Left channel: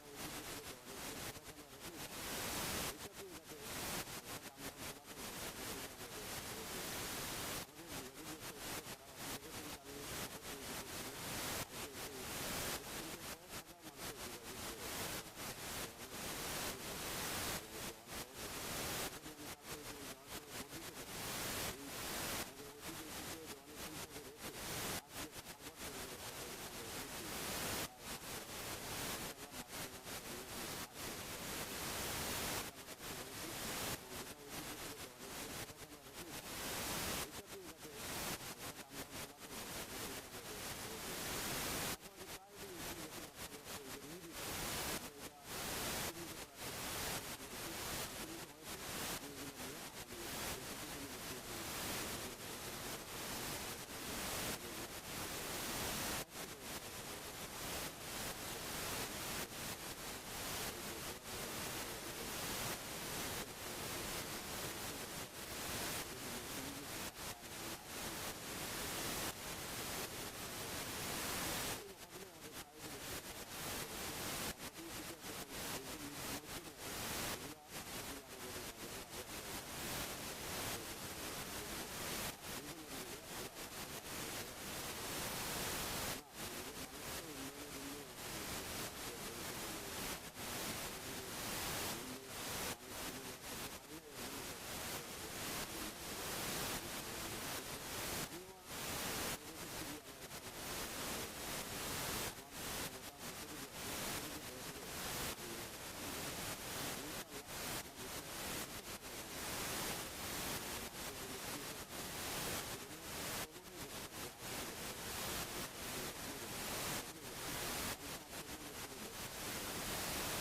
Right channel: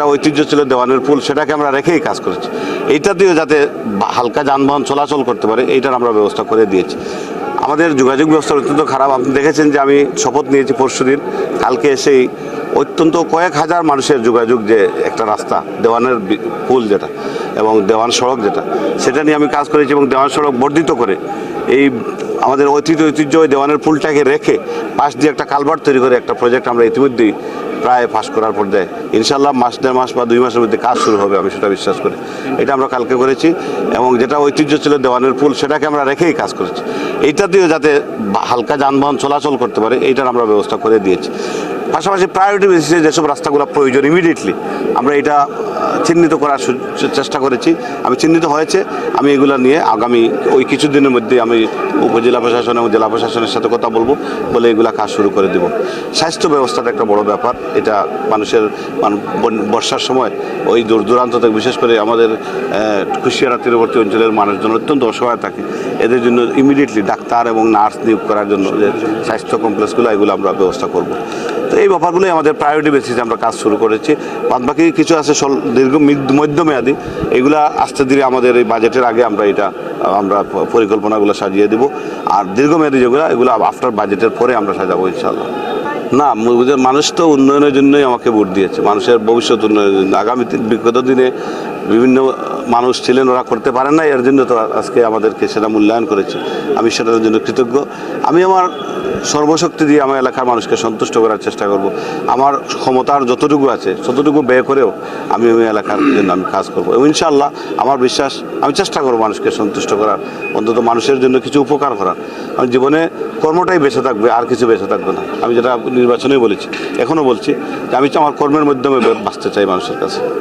যেটা ঐতিহ্য ছিল দেওয়ানের পুল সেটাকে আমরা রেখেই কাজ করেছি। এইটা দিয়ে যাতে হালকা যানবাহন চলাচল করতে পারে, এইটার আমরা ব্যবস্থা করে দিয়েছি। আমাদের যোগাযোগ ব্যবস্থা অত্যন্ত খারাপ। আপনি দেখেছেন যে আমি শপথ নিয়েছি পরশুদিন কালকে এসেই অত্যন্ত কয়েক হাজার মানুষের যোগাযোগ যে একটা রাস্তা, দেওয়ানের পুল যেটা এবং দেওয়ান সড়ক যেটা, সেটা নিয়ে আমি কাজ করেছি এবং দেওয়ান সড়ক বর্ধিত করে এই আমাদের ঐতিহ্য ঐতিহ্য দেওয়ানের পুলটাকে রেখে পাশ দিয়ে একটা কালভার্ট তৈরি করে একটা প্রজেক্ট আমরা ইতিমধ্যেই প্রায় পাস করার পর দেয়। ইনশাল্লাহ মাস, দেড় মাস বা দুই মাসের মধ্যে কাজ শুরু হবে, আমি সেটা বিশ্বাস করি। এটা আমরা কালকে করেছি এবং যেটা ঐতিহ্য ছিল দেওয়ানের পুল সেটাকে আমরা রেখেই কাজ করেছি। এইটা দিয়ে যাতে হালকা যানবাহন চলাচল করতে পারে, এইটার আমরা ব্যবস্থা করে দিয়েছি। পাশাপাশি প্রায়োরিটি বেসিসে যেসব রাস্তাগুলো প্রয়োজন ইমিডিয়েটলি আমরা এটা চিহ্নিত করার চেষ্টা করেছি। আমি চিহ্নিত হয়েছে, আমি এগুলো নিয়ে আগামী ওই কিছুদিনের মধ্যে আমি উপজেলা প্রশাসন এবং জেলা প্রশাসনের সাথে কথা বলব, বলে এগুলা কাজ শুরু করে দেব। স্বাস্থ্য ব্যবস্থাটা একটা বড় ব্যাপার। এটা মানুষের বর্ষার সময় ওই দূর দূরান্ত থেকে, বিশেষ করে আমাদের কুশিয়ারা তীরবর্তী অঞ্চলের মানুষজন অত্যন্ত অসহায় থাকে। এদের জন্য ইমিডিয়েটলি ডাক্তার এবং নার্স নিয়োগ করার জন্য যে স্বাস্থ্য কমপ্লেক্সগুলো, এগুলো আমরা ব্যবস্থা করব। তো এই ব্যাপারগুলোই আমাদের প্রায়োরিটি বেসিসে আমরা কাজ শুরু করেছি। বাদ বাকি কিছু আছে দীর্ঘ মধ্যমেয়াদী। এগুলা আস্তে ধীরে আমাদের এই বাজেটের আগে আমরা এটা, আমরা পরিকল্পনাগুলো সাজিয়ে দিব। আর দীর্ঘমেয়াদী যেগুলো, এগুলো আফটার বাজেটের পরে আমরা সাজাবো ইনশাল্লাহ না মানুষ তো উন্নয়নের জন্যই আমাকে ভোট দিয়েছে। মানুষের ভবিষ্যৎ উন্নয়নের জন্য। আগামী বিগত দিনে বিভিন্ন মানুষ ছিলেন, ওরা করতে পারেন না এর জন্য তো আজকে আমাদেরকে সেটা মূল্যায়ন করেছে। আমি সেটার জন্য কৃতজ্ঞ। আমি আমার সর্বশক্তি দিয়ে আমার এলাকার মানুষকে সন্তুষ্ট করার চেষ্টা করব। আমার ক্ষমতার যতটুকু আছে, ততটুকু ব্যয় করেও আমি ওই এলাকার জন্য আমি কাজ করব। এবং ইনশাল্লাহ আমার বিশ্বাস, আমি চেষ্টা করব মানুষকে সন্তুষ্ট করার। অন্তত মানুষের জন্য কিছু উপকার করার। আমার জীবনে কর্মটাই বেঁচে থাকবে, আর কিছু বেঁচে থাকবে না। আমি যেটা নির্বাচনে বলেছি, এখনও বলছি যে আমি আমার কর্মের মাধ্যমে বাঁচতে চাই মানুষের কাছে।